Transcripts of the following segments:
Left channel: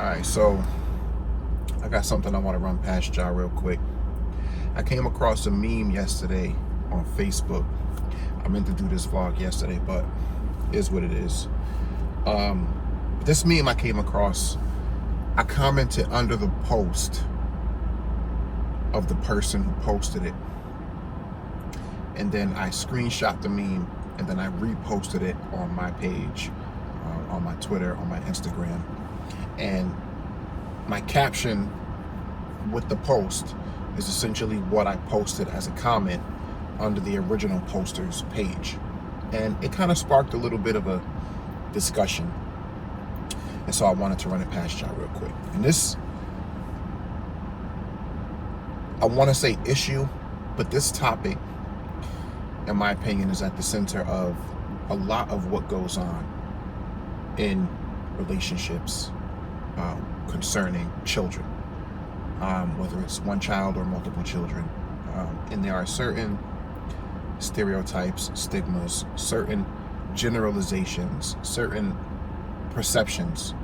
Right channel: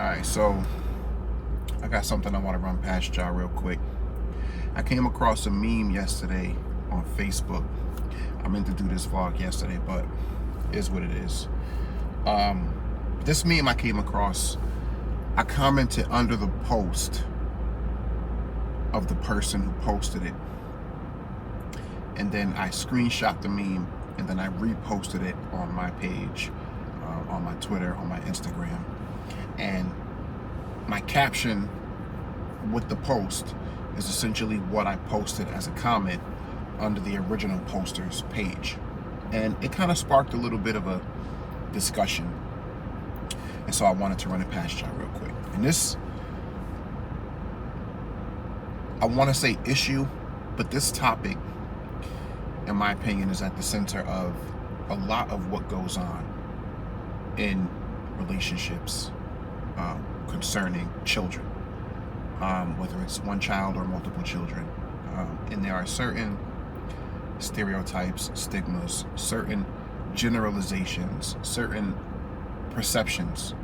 Alright, so I got something I want to run past y'all real quick. I came across a meme yesterday on Facebook. I meant to do this vlog yesterday, but it is what it is. This meme I came across, I commented under the post of the person who posted it. And then I screenshot the meme and then I reposted it on my page, on my Twitter, on my Instagram. And my caption with the post is essentially what I posted as a comment under the original poster's page. And it kind of sparked a little bit of a discussion. And so I wanted to run it past y'all real quick. And this, I want to say issue, but this topic, in my opinion, is at the center of a lot of what goes on in relationships concerning children, whether it's one child or multiple children. And there are certain stereotypes, stigmas, certain generalizations, certain perceptions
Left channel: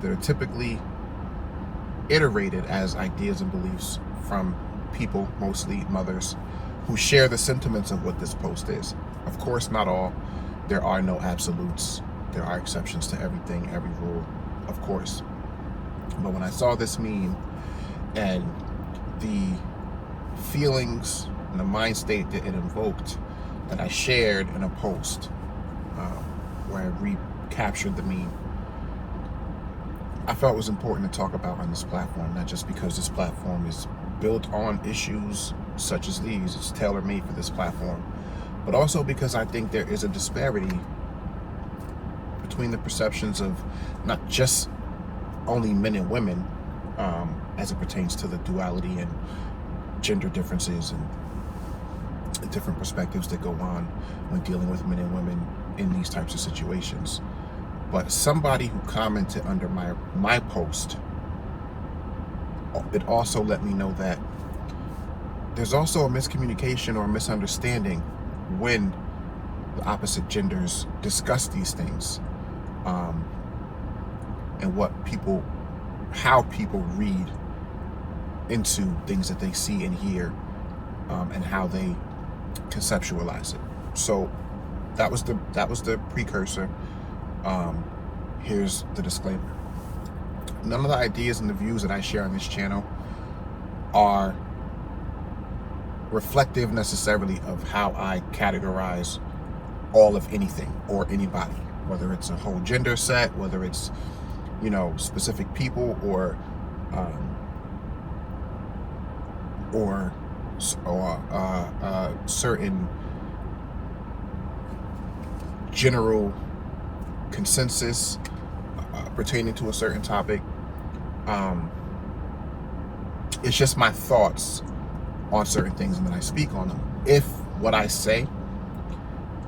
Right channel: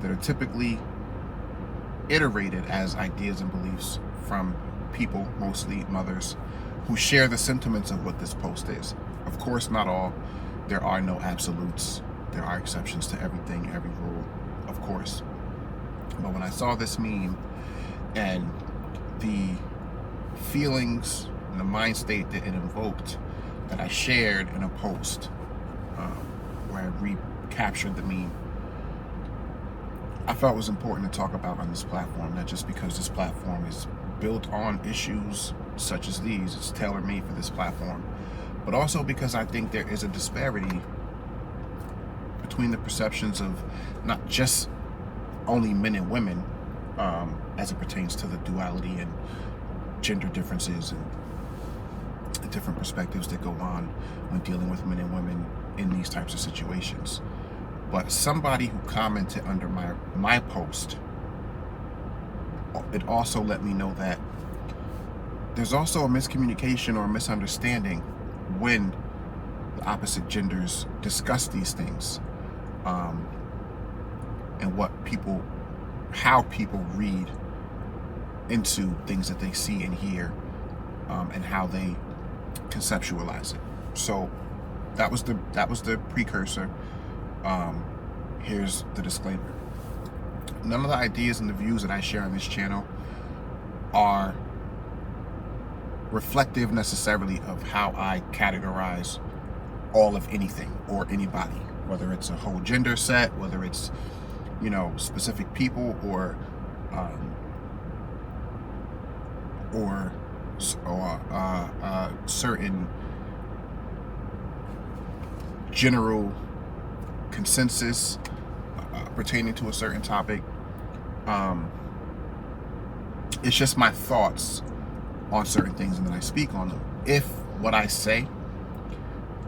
that are typically iterated as ideas and beliefs from people, mostly mothers, who share the sentiments of what this post is. Of course, not all. There are no absolutes. There are exceptions to everything, every rule, of course. But when I saw this meme and the feelings and the mind state that it invoked, that I shared in a post where I recaptured the meme, I felt it was important to talk about on this platform, not just because this platform is built on issues such as these, it's tailor-made for this platform, but also because I think there is a disparity between the perceptions of not just only men and women as it pertains to the duality and gender differences and the different perspectives that go on when dealing with men and women in these types of situations. But somebody who commented under my post, it also let me know that there's also a miscommunication or a misunderstanding when the opposite genders discuss these things, and how people read into things that they see and hear, and how they conceptualize it. So that was the precursor. Here's the disclaimer. None of the ideas and the views that I share on this channel are reflective necessarily of how I categorize all of anything or anybody, whether it's a whole gender set, whether it's, specific people or certain general consensus pertaining to a certain topic. It's just my thoughts on certain things, and then I speak on them. If what I say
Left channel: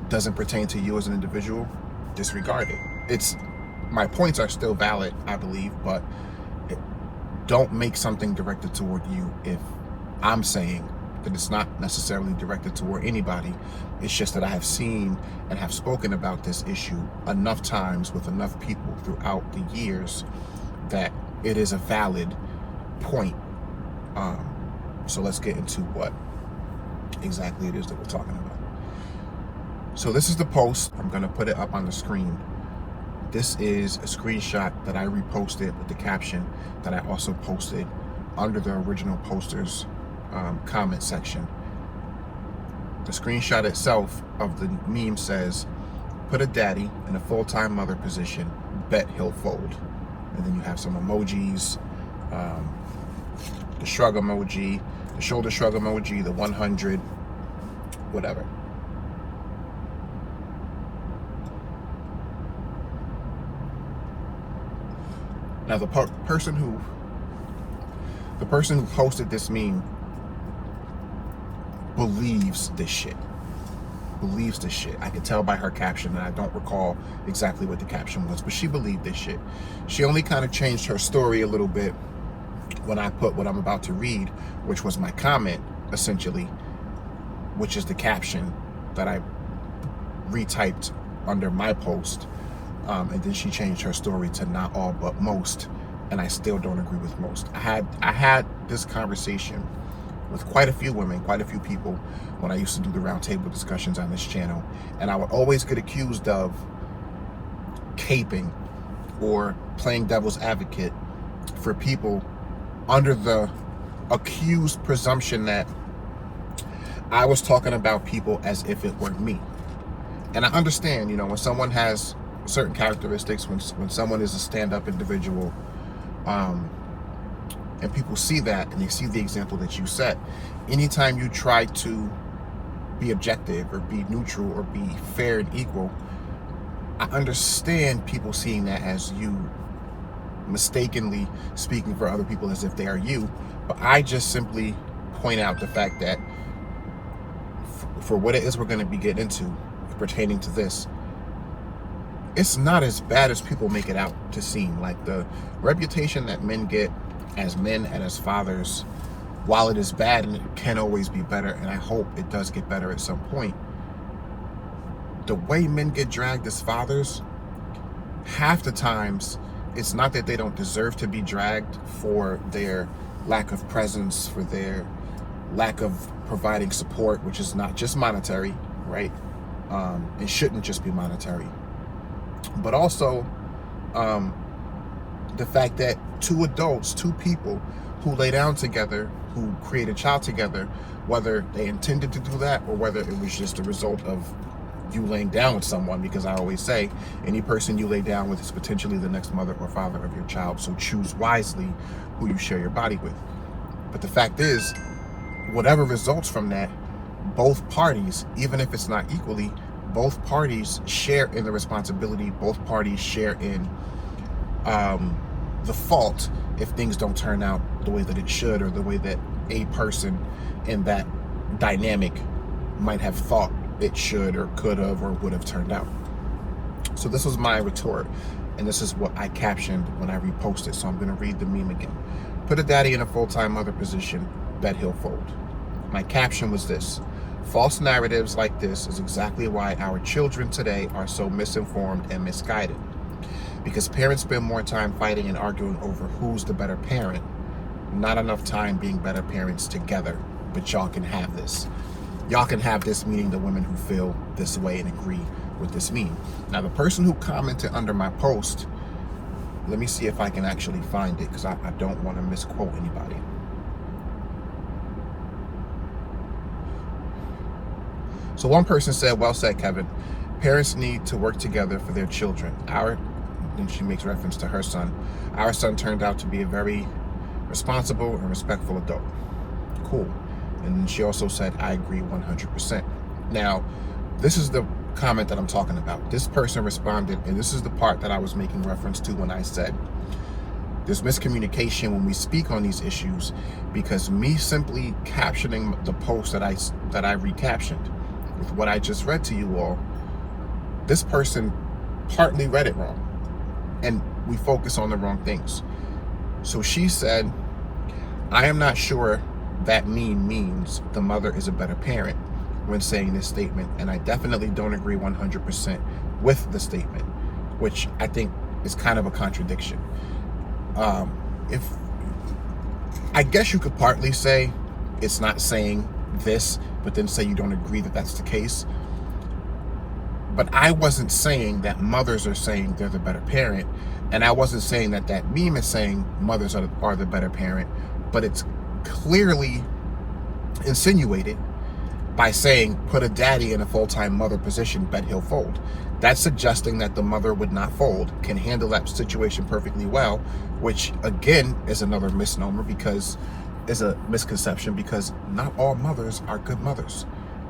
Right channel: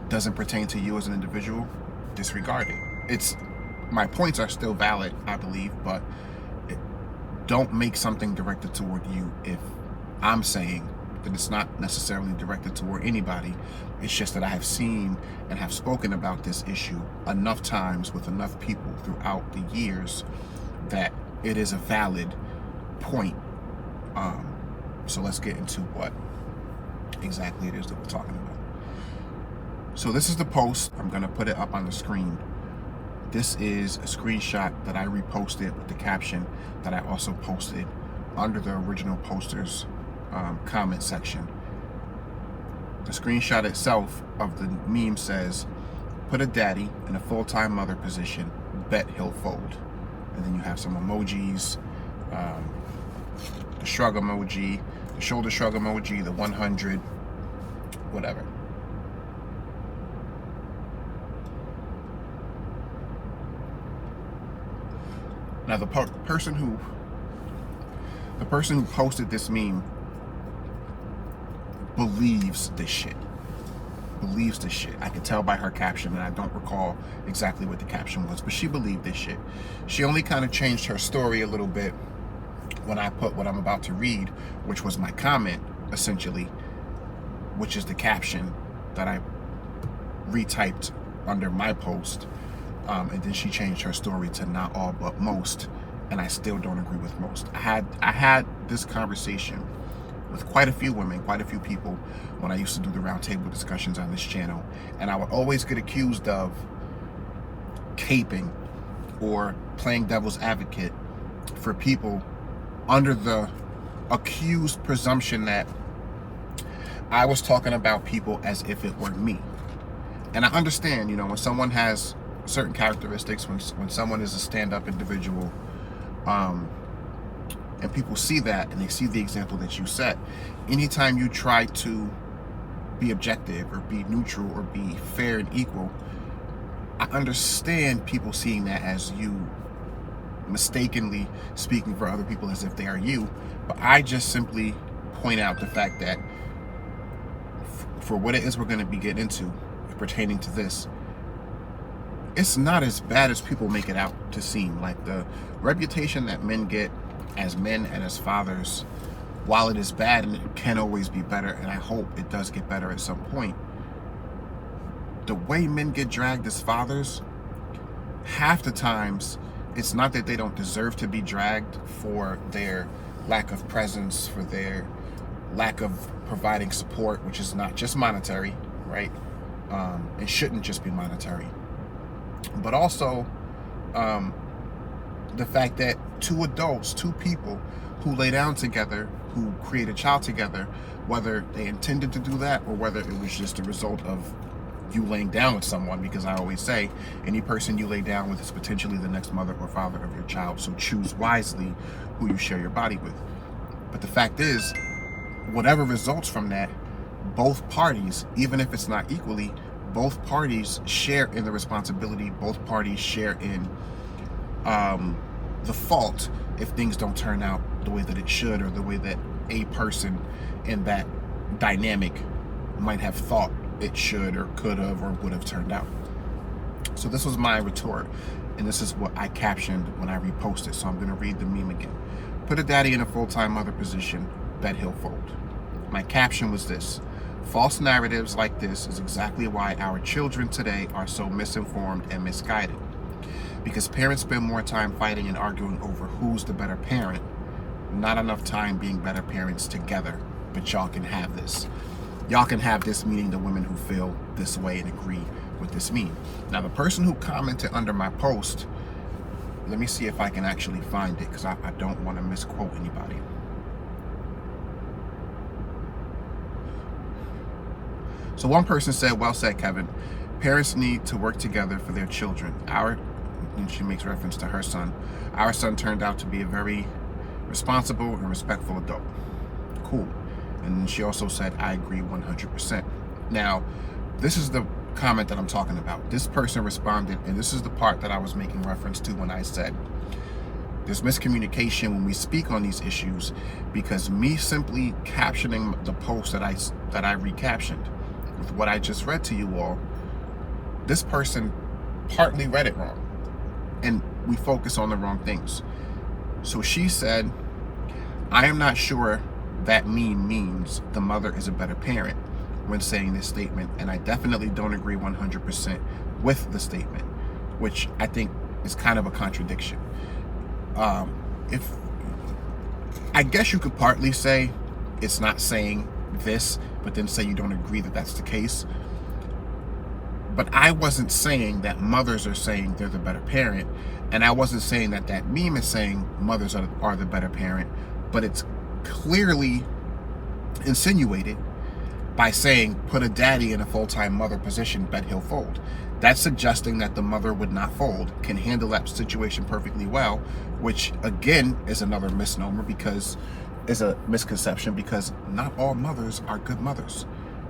doesn't pertain to you as an individual, disregard it. My points are still valid, I believe, but don't make something directed toward you if I'm saying that it's not necessarily directed toward anybody. It's just that I have seen and have spoken about this issue enough times with enough people throughout the years that it is a valid point. So let's get into what exactly it is that we're talking about. So this is the post. I'm going to put it up on the screen. This is a screenshot that I reposted with the caption that I also posted under the original poster's comment section. The screenshot itself of the meme says, "Put a daddy in a full-time mother position, bet he'll fold." And then you have some emojis, the shrug emoji, the shoulder shrug emoji, the 100, whatever. Now the person who posted this meme believes this shit. I could tell by her caption, and I don't recall exactly what the caption was, but she believed this shit. She only kind of changed her story a little bit when I put what I'm about to read, which was my comment, essentially, which is the caption that I retyped under my post. And then she changed her story to "not all but most," and I still don't agree with most. I had this conversation with quite a few women, quite a few people when I used to do the roundtable discussions on this channel, and I would always get accused of caping or playing devil's advocate for people under the accused presumption that I was talking about people as if it were me. And I understand, when someone has certain characteristics, when someone is a stand-up individual, and people see that and they see the example that you set, anytime you try to be objective or be neutral or be fair and equal, I understand people seeing that as you mistakenly speaking for other people as if they are you. But I just simply point out the fact that for what it is we're going to be getting into pertaining to this, it's not as bad as people make it out to seem. Like, the reputation that men get as men and as fathers, while it is bad and it can always be better, and I hope it does get better at some point, the way men get dragged as fathers, half the times it's not that they don't deserve to be dragged for their lack of presence, for their lack of providing support, which is not just monetary, right? It shouldn't just be monetary, but also the fact that two adults, two people who lay down together, who create a child together, whether they intended to do that or whether it was just a result of you laying down with someone, because I always say any person you lay down with is potentially the next mother or father of your child, so choose wisely who you share your body with. But the fact is, whatever results from that, both parties, even if it's not equally, both parties share in the responsibility, both parties share in the fault if things don't turn out the way that it should, or the way that a person in that dynamic might have thought it should or could have or would have turned out. So this was my retort, and this is what I captioned when I reposted, so I'm going to read the meme again. Put a daddy in a full-time mother position, bet he'll fold. My caption was this: false narratives like this is exactly why our children today are so misinformed and misguided. Because parents spend more time fighting and arguing over who's the better parent, not enough time being better parents together. But y'all can have this. Y'all can have this, meaning the women who feel this way and agree with this meme. Now, the person who commented under my post, let me see if I can actually find it, because I don't want to misquote anybody. So one person said, well said, Kevin. Parents need to work together for their children. And she makes reference to her son. Our son turned out to be a very responsible and respectful adult. Cool. And then she also said, I agree 100%. Now, this is the comment that I'm talking about. This person responded, and this is the part that I was making reference to when I said there's miscommunication when we speak on these issues, because me simply captioning the post that I recaptioned with what I just read to you all, this person partly read it wrong, and we focus on the wrong things. So she said, I am not sure that meme means the mother is a better parent when saying this statement, and I definitely don't agree 100% with the statement, which I think is kind of a contradiction. If I guess you could partly say it's not saying this, but then say you don't agree that that's the case. But I wasn't saying that mothers are saying they're the better parent, and I wasn't saying that that meme is saying mothers are the better parent, but it's clearly insinuated by saying put a daddy in a full-time mother position, bet he'll fold. That's suggesting that the mother would not fold, can handle that situation perfectly well, which again is another misnomer, because is a misconception, because not all mothers are good mothers,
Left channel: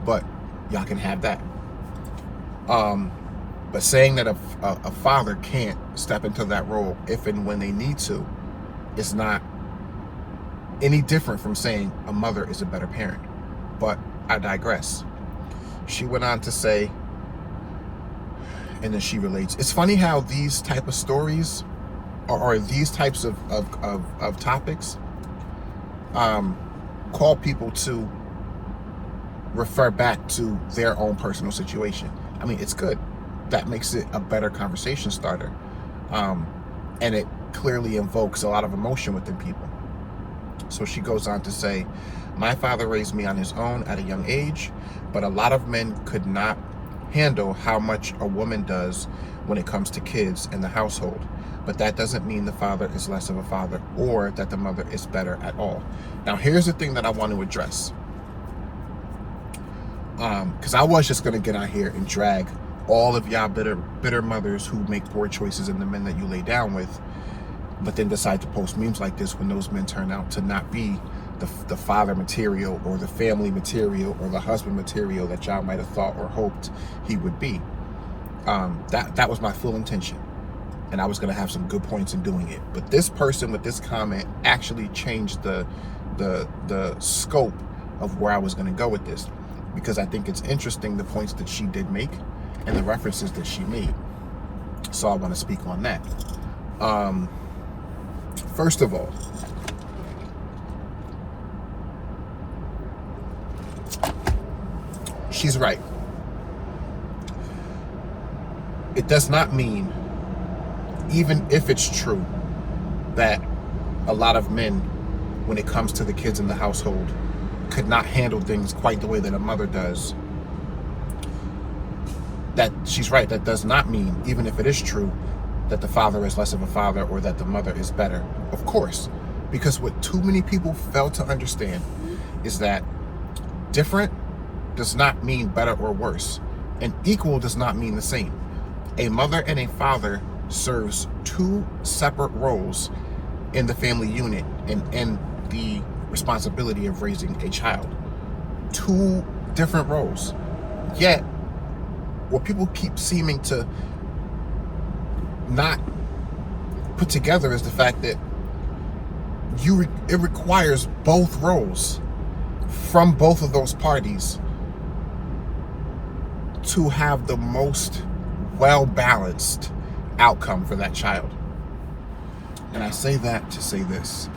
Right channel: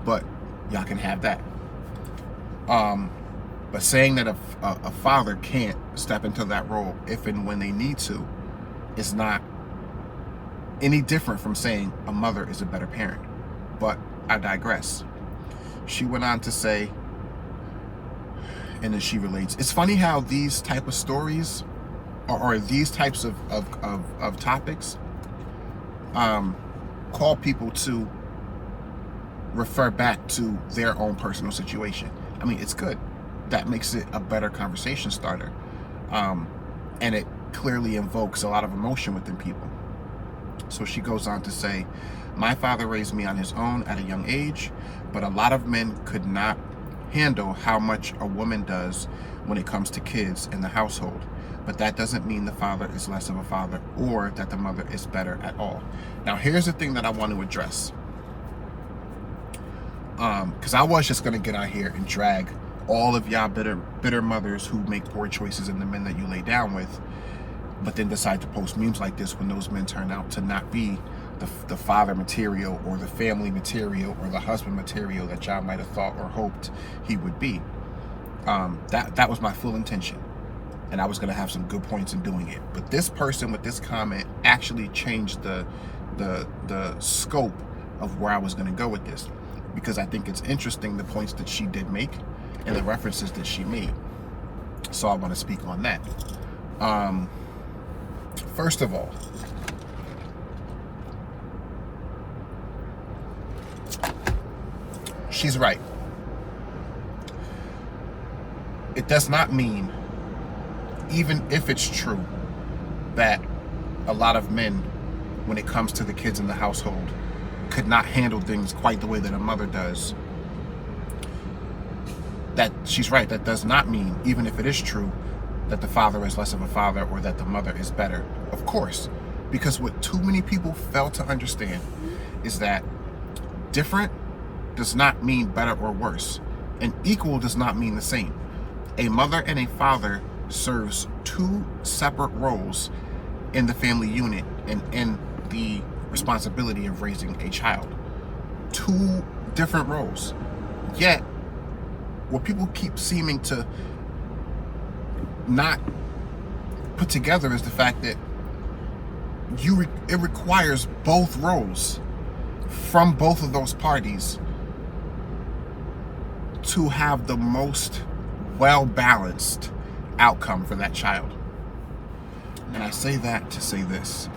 but y'all can have that. But saying that a father can't step into that role if and when they need to is not any different from saying a mother is a better parent. But I digress. She went on to say, and then she relates, it's funny how these type of stories or these types of topics call people to refer back to their own personal situation. I mean, it's good. That makes it a better conversation starter. And it clearly invokes a lot of emotion within people. So she goes on to say, my father raised me on his own at a young age, but a lot of men could not handle how much a woman does when it comes to kids in the household. But that doesn't mean the father is less of a father or that the mother is better at all. Now, here's the thing that I want to address. Because I was just going to get out here and drag all of y'all bitter mothers who make poor choices and the men that you lay down with, but then decide to post memes like this when those men turn out to not be the father material or the family material or the husband material that y'all might have thought or hoped he would be. That was my full intention, and I was going to have some good points in doing it. But this person with this comment actually changed the scope of where I was going to go with this, because I think it's interesting the points that she did make and the references that she made. So I want to speak on that. First of all, she's right. It does not mean, even if it's true, that a lot of men, when it comes to the kids in the household, could not handle things quite the way that a mother does. That she's right. That does not mean, even if it is true, that the father is less of a father or that the mother is better. Of course, because what too many people fail to understand is that different does not mean better or worse, and equal does not mean the same. A mother and a father serves two separate roles in the family unit and in the responsibility of raising a child. Two different roles. Yet, what people keep seeming to not put together is the fact that it requires both roles from both of those parties to have the most well-balanced outcome for that child. And I say that to say this.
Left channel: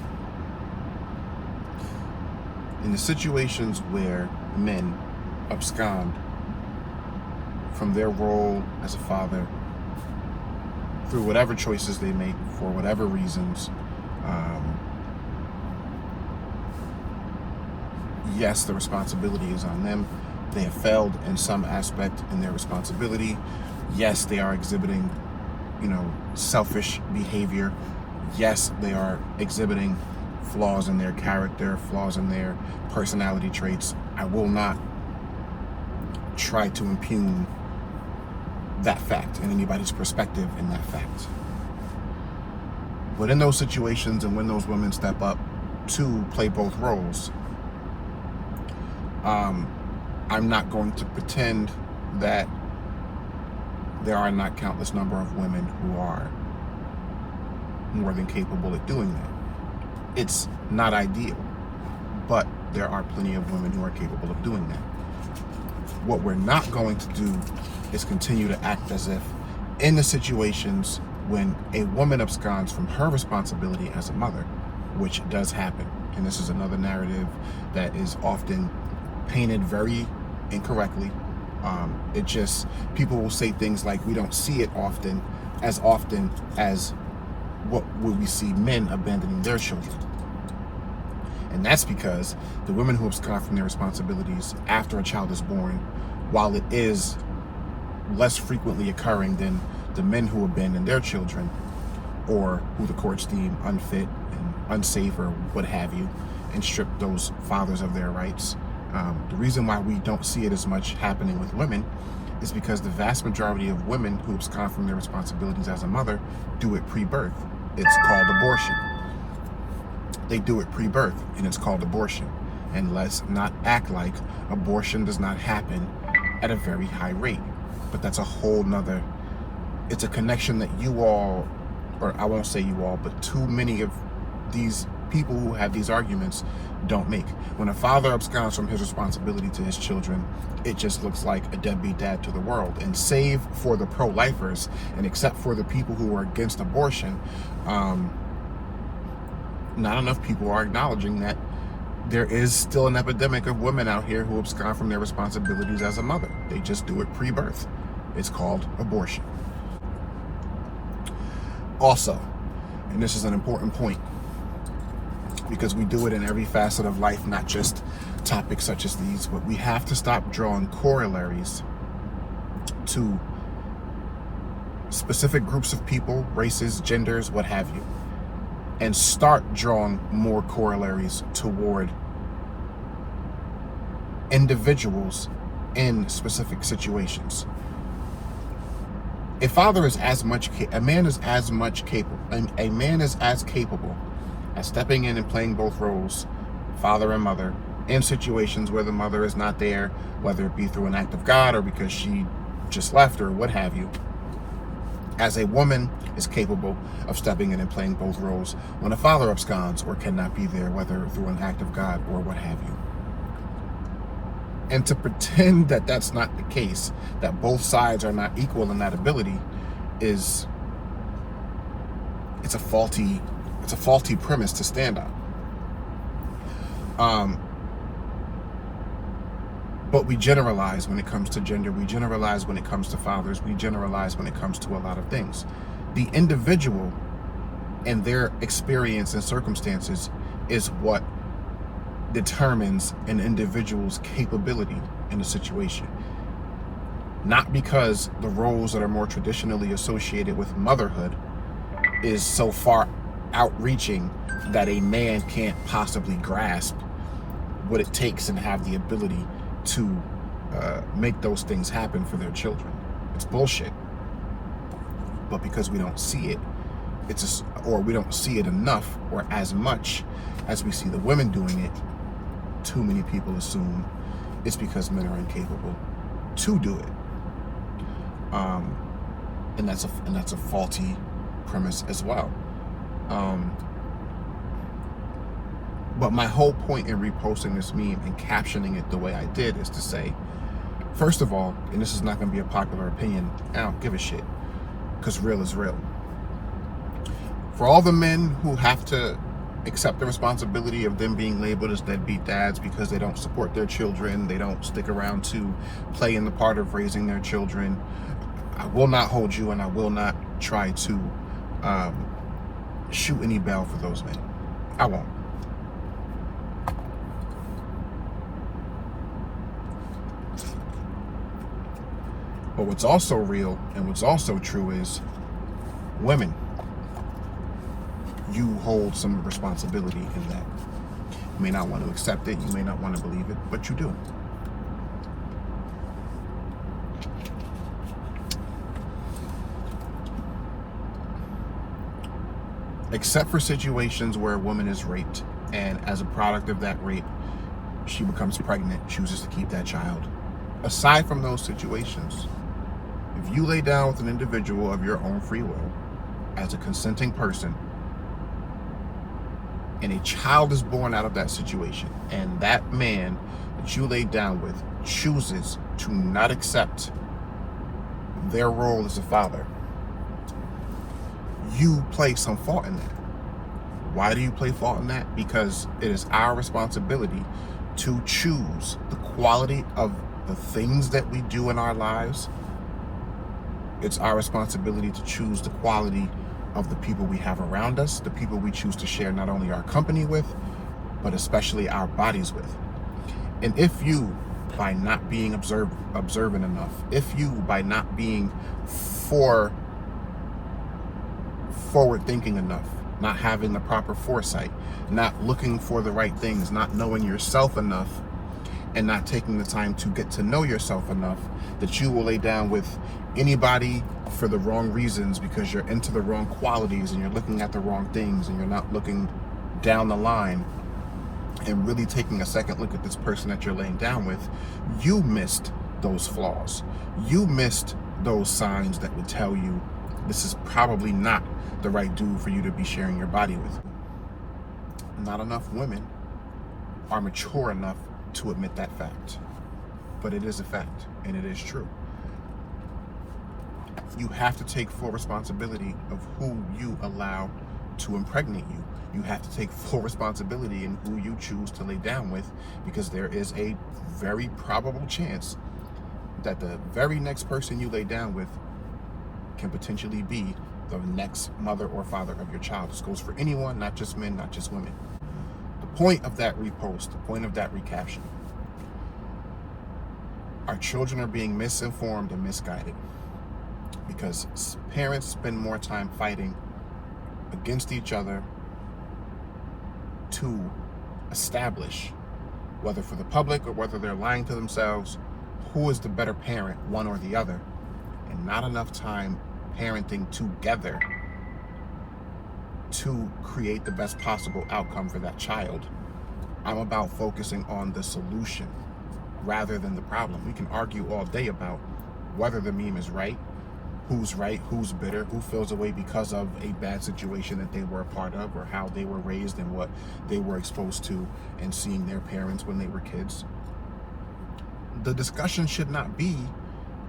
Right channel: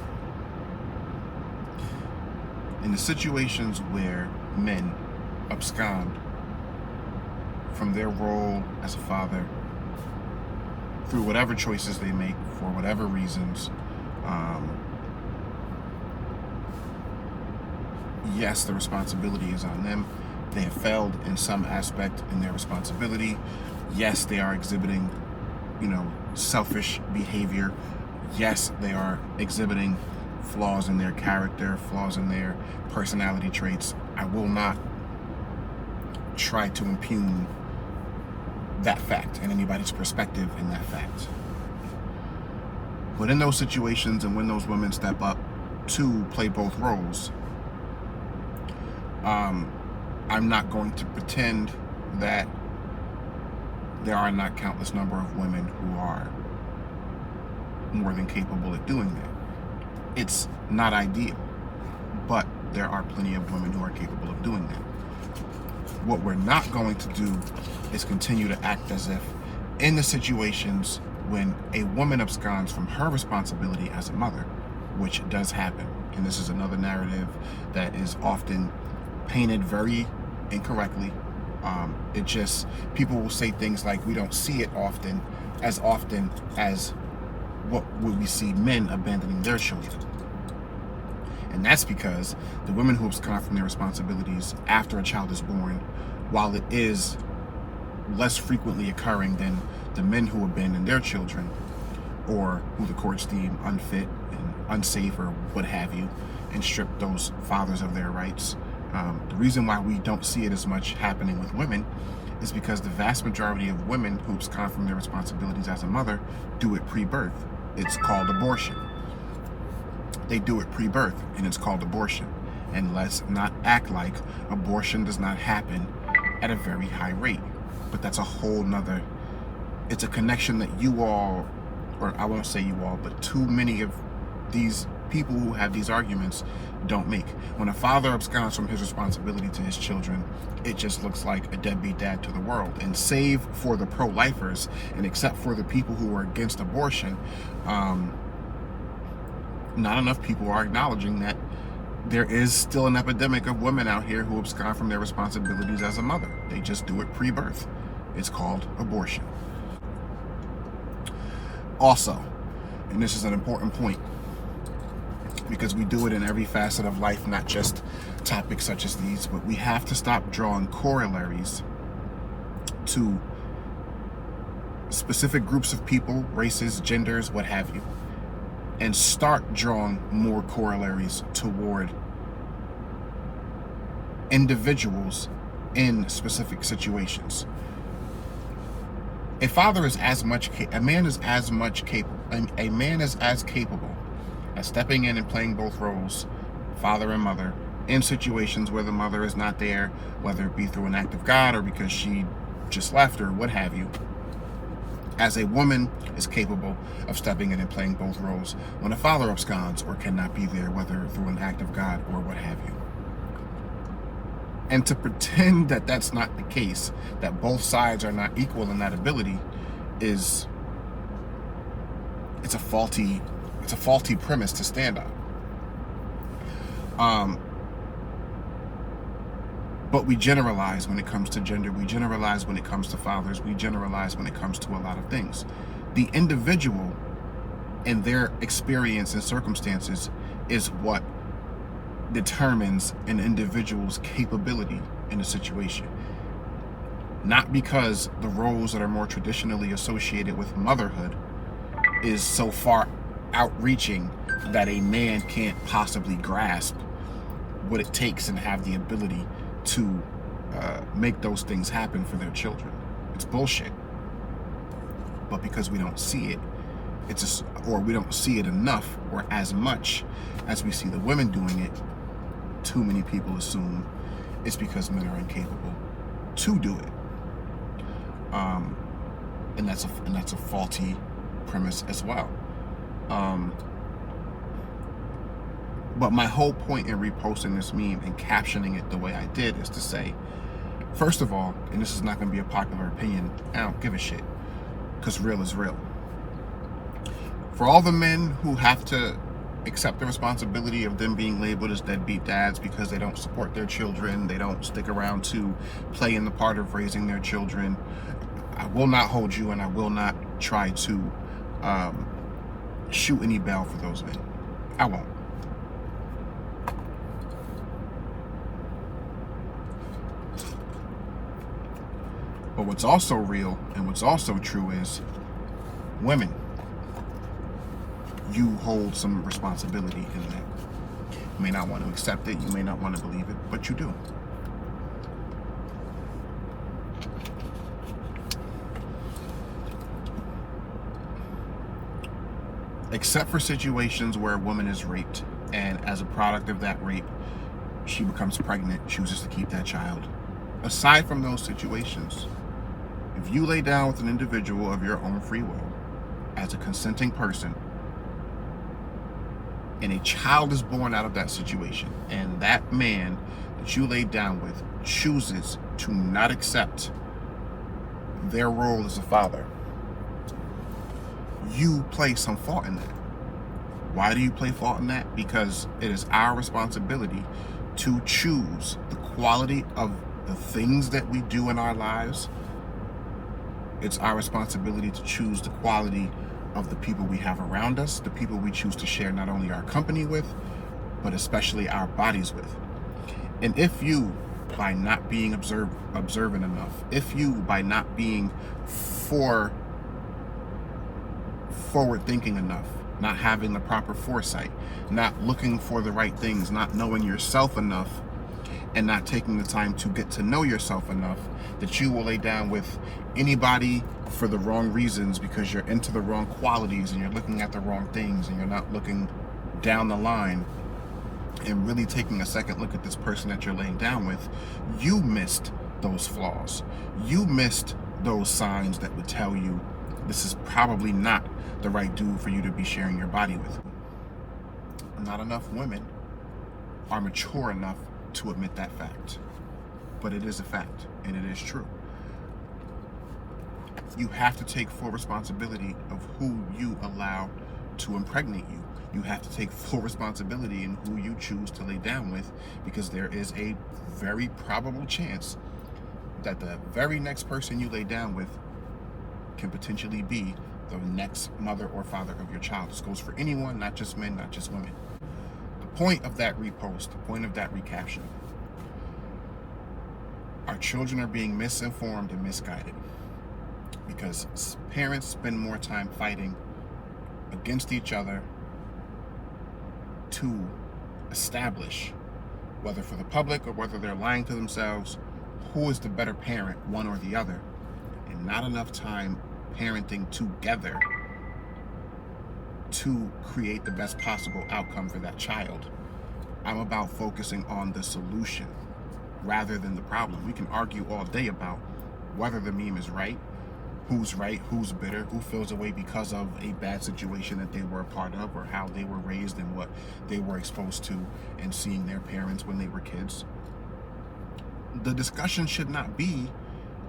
In the situations where men abscond from their role as a father through whatever choices they make for whatever reasons, yes, the responsibility is on them. They have failed in some aspect in their responsibility. Yes, they are exhibiting, selfish behavior. Yes, they are exhibiting flaws in their character, flaws in their personality traits. I will not try to impugn that fact and anybody's perspective in that fact. But in those situations and when those women step up to play both roles, I'm not going to pretend that there are not countless number of women who are more than capable at doing that. It's not ideal, but there are plenty of women who are capable of doing that. What we're not going to do is continue to act as if in the situations when a woman absconds from her responsibility as a mother, which does happen, and this is another narrative that is often painted very incorrectly. People will say things like, we don't see it often as what would we see men abandoning their children. And that's because the women who abscond from their responsibilities after a child is born, while it is less frequently occurring than the men who abandon their children or who the courts deem unfit and unsafe or what have you, and strip those fathers of their rights. The reason why we don't see it as much happening with women is because the vast majority of women who abscond from their responsibilities as a mother do it pre-birth. It's called abortion. They do it pre-birth, and it's called abortion. And let's not act like abortion does not happen at a very high rate. But that's a whole nother, it's a connection that you all, or I won't say you all, but too many of these people who have these arguments don't make. When a father absconds from his responsibility to his children, it just looks like a deadbeat dad to the world. And save for the pro-lifers, and except for the people who are against abortion, not enough people are acknowledging that there is still an epidemic of women out here who abscond from their responsibilities as a mother. They just do it pre-birth. It's called abortion. Also, and this is an important point, because we do it in every facet of life, not just topics such as these, but we have to stop drawing corollaries to specific groups of people, races, genders, what have you, and start drawing more corollaries toward individuals in specific situations. A man is as capable as stepping in and playing both roles, father and mother, in situations where the mother is not there, whether it be through an act of God or because she just left or what have you, as a woman is capable of stepping in and playing both roles when a father absconds or cannot be there, whether through an act of God or what have you. And to pretend that that's not the case, that both sides are not equal in that ability, it's a faulty premise to stand on. But we generalize when it comes to gender, we generalize when it comes to fathers, we generalize when it comes to a lot of things. The individual and their experience and circumstances is what determines an individual's capability in a situation. Not because the roles that are more traditionally associated with motherhood is so far outreaching that a man can't possibly grasp what it takes and have the ability to make those things happen for their children. It's bullshit. But because we don't see it, or we don't see it enough or as much as we see the women doing it, too many people assume it's because men are incapable to do it. And that's a faulty premise as well. But my whole point in reposting this meme and captioning it the way I did is to say, first of all, and this is not going to be a popular opinion, I don't give a shit, because real is real. For all the men who have to accept the responsibility of them being labeled as deadbeat dads because they don't support their children, they don't stick around to play in the part of raising their children, I will not hold you, and I will not try to shoot any bell for those men. I won't. But what's also real and what's also true is, women, you hold some responsibility in that. You may not want to accept it, you may not want to believe it, but you do. Except for situations where a woman is raped, and as a product of that rape, she becomes pregnant, chooses to keep that child. Aside from those situations, if you lay down with an individual of your own free will, as a consenting person, and a child is born out of that situation, and that man that you laid down with chooses to not accept their role as a father, you play some fault in that. Why do you play fault in that? Because it is our responsibility to choose the quality of the things that we do in our lives. It's our responsibility to choose the quality of the people we have around us, the people we choose to share not only our company with, but especially our bodies with. And if you, by not being observant enough, if you, by not being forward thinking enough, not having the proper foresight, not looking for the right things, not knowing yourself enough, and not taking the time to get to know yourself enough, that you will lay down with anybody for the wrong reasons because you're into the wrong qualities and you're looking at the wrong things and you're not looking down the line and really taking a second look at this person that you're laying down with, you missed those flaws. You missed those signs that would tell you this is probably not the right dude for you to be sharing your body with. Not enough women are mature enough to admit that fact. But it is a fact, and it is true. You have to take full responsibility of who you allow to impregnate you. You have to take full responsibility in who you choose to lay down with, because there is a very probable chance that the very next person you lay down with can potentially be the next mother or father of your child. This goes for anyone, not just men, not just women. The point of that repost, the point of that recaption, our children are being misinformed and misguided because parents spend more time fighting against each other to establish, whether for the public or whether they're lying to themselves, who is the better parent, one or the other, and not enough time parenting together to create the best possible outcome for that child. I'm about focusing on the solution rather than the problem. We can argue all day about whether the meme is right, who's bitter, who feels away because of a bad situation that they were a part of, or how they were raised and what they were exposed to and seeing their parents when they were kids. The discussion should not be,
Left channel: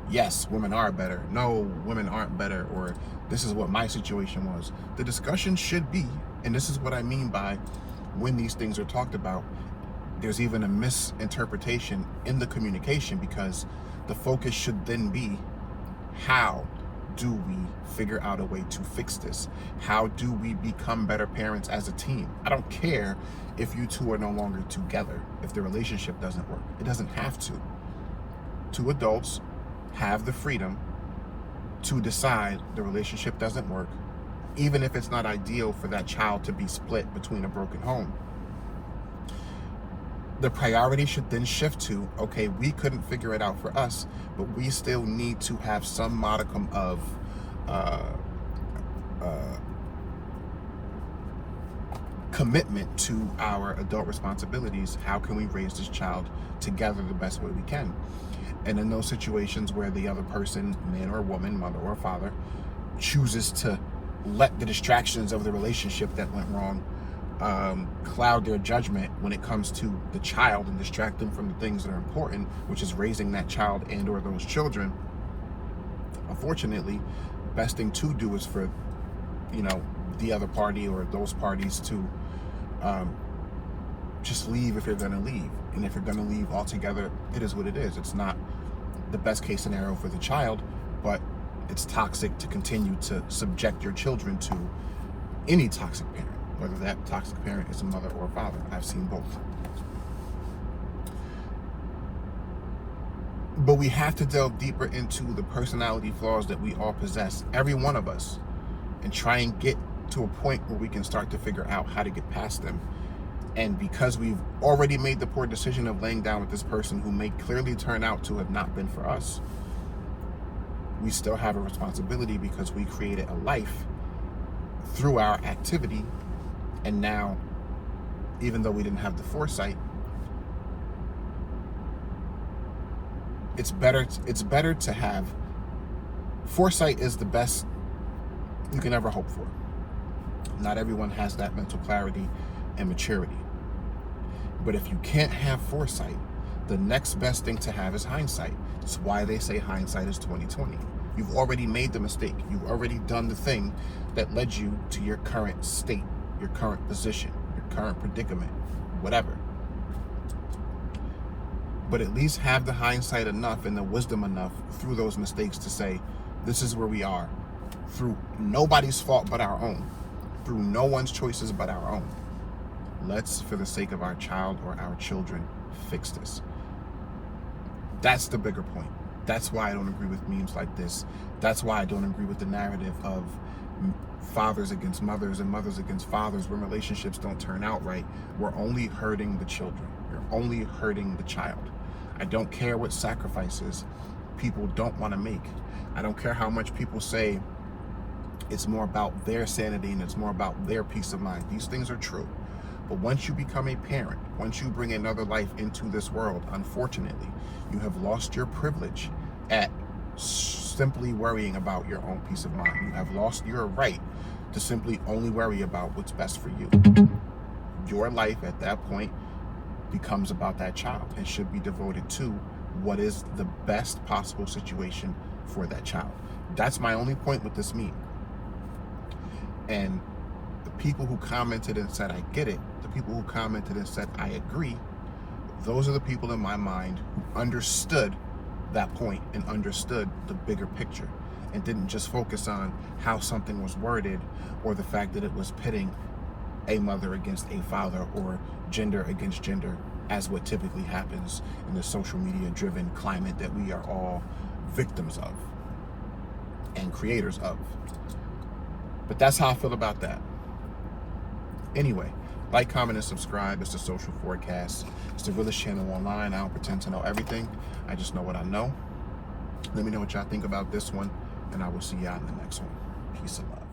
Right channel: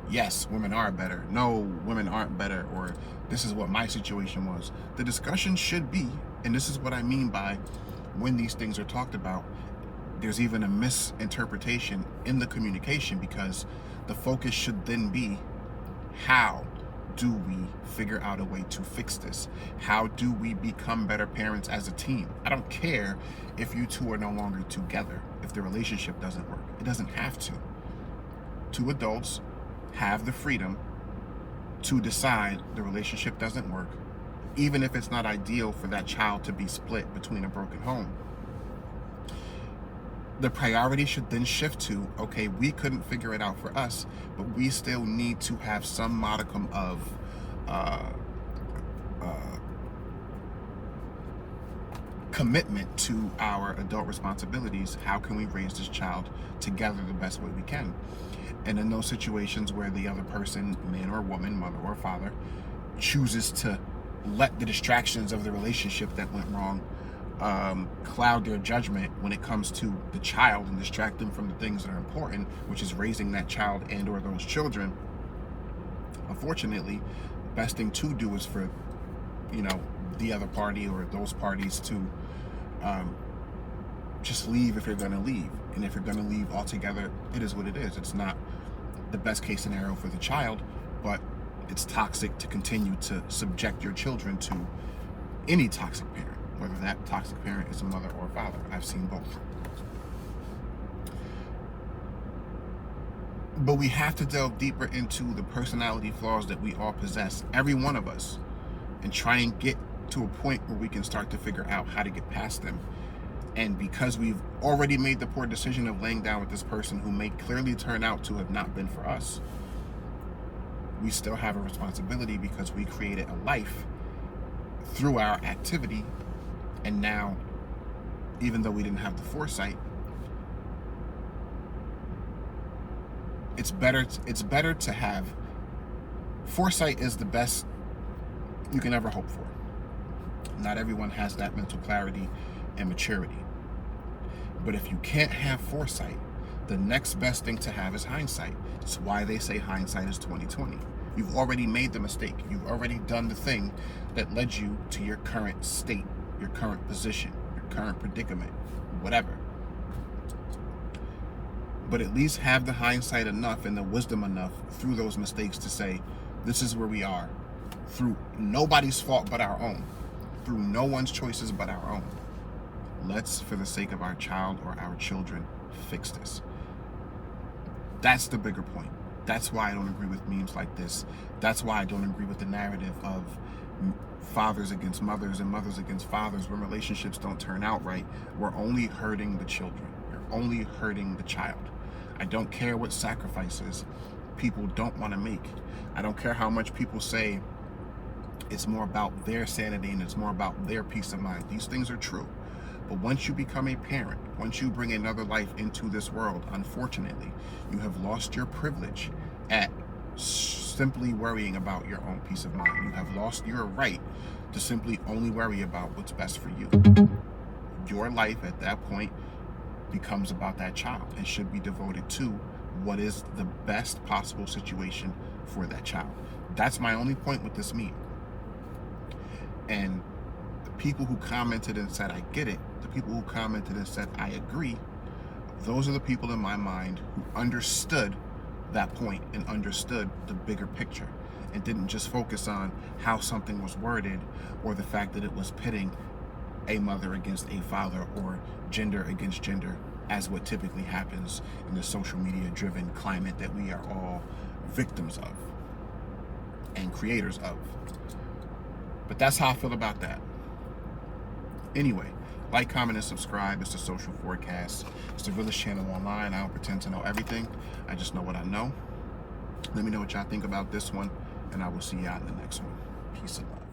yes, women are better, no, women aren't better, or this is what my situation was. The discussion should be, and this is what I mean by when these things are talked about, there's even a misinterpretation in the communication, because the focus should then be, how do we figure out a way to fix this? How do we become better parents as a team? I don't care if you two are no longer together, if the relationship doesn't work. It doesn't have to. Two adults have the freedom to decide the relationship doesn't work, even if it's not ideal for that child to be split between a broken home. The priority should then shift to, okay, we couldn't figure it out for us, but we still need to have some modicum of commitment to our adult responsibilities. How can we raise this child together the best way we can? And in those situations where the other person, man or woman, mother or father, chooses to let the distractions of the relationship that went wrong cloud their judgment when it comes to the child and distract them from the things that are important, which is raising that child and or those children, unfortunately, the best thing to do is for, the other party or those parties to just leave if they're going to leave. And if you're going to leave altogether, it is what it is. It's not the best case scenario for the child, but it's toxic to continue to subject your children to any toxic parent, whether that toxic parent is a mother or a father. I've seen both. But we have to delve deeper into the personality flaws that we all possess, every one of us, and try and get to a point where we can start to figure out how to get past them. And because we've already made the poor decision of laying down with this person who may clearly turn out to have not been for us, we still have a responsibility because we created a life through our activity. And now, even though we didn't have the foresight, it's better to have foresight. Is the best you can ever hope for. Not everyone has that mental clarity and maturity. But if you can't have foresight, the next best thing to have is hindsight. That's why they say hindsight is 20/20. You've already made the mistake. You've already done the thing that led you to your current state, your current position, your current predicament, whatever. But at least have the hindsight enough and the wisdom enough through those mistakes to say, this is where we are, through nobody's fault but our own, through no one's choices but our own. Let's, for the sake of our child or our children, fix this. That's the bigger point. That's why I don't agree with memes like this. That's why I don't agree with the narrative of fathers against mothers and mothers against fathers when relationships don't turn out right. We're only hurting the children. You're only hurting the child. I don't care what sacrifices people don't want to make. I don't care how much people say it's more about their sanity and it's more about their peace of mind. These things are true. But once you become a parent, once you bring another life into this world, unfortunately, you have lost your privilege at simply worrying about your own peace of mind. You have lost your right to simply only worry about what's best for you. Your life at that point becomes about that child and should be devoted to what is the best possible situation for that child. That's my only point with this meme. And the people who commented and said, I get it, the people who commented and said, I agree, those are the people in my mind who understood that point and understood the bigger picture. and didn't just focus on how something was worded or the fact that it was pitting a mother against a father or gender against gender, as what typically happens in the social media driven climate that we are all victims of and creators of. But that's how I feel about that. Anyway, like, comment, and subscribe. It's the Social Forecast. It's the realest channel online. I don't pretend to know everything. I just know what I know. Let me know what y'all think about this one, and I will see y'all in the next one. Peace and love.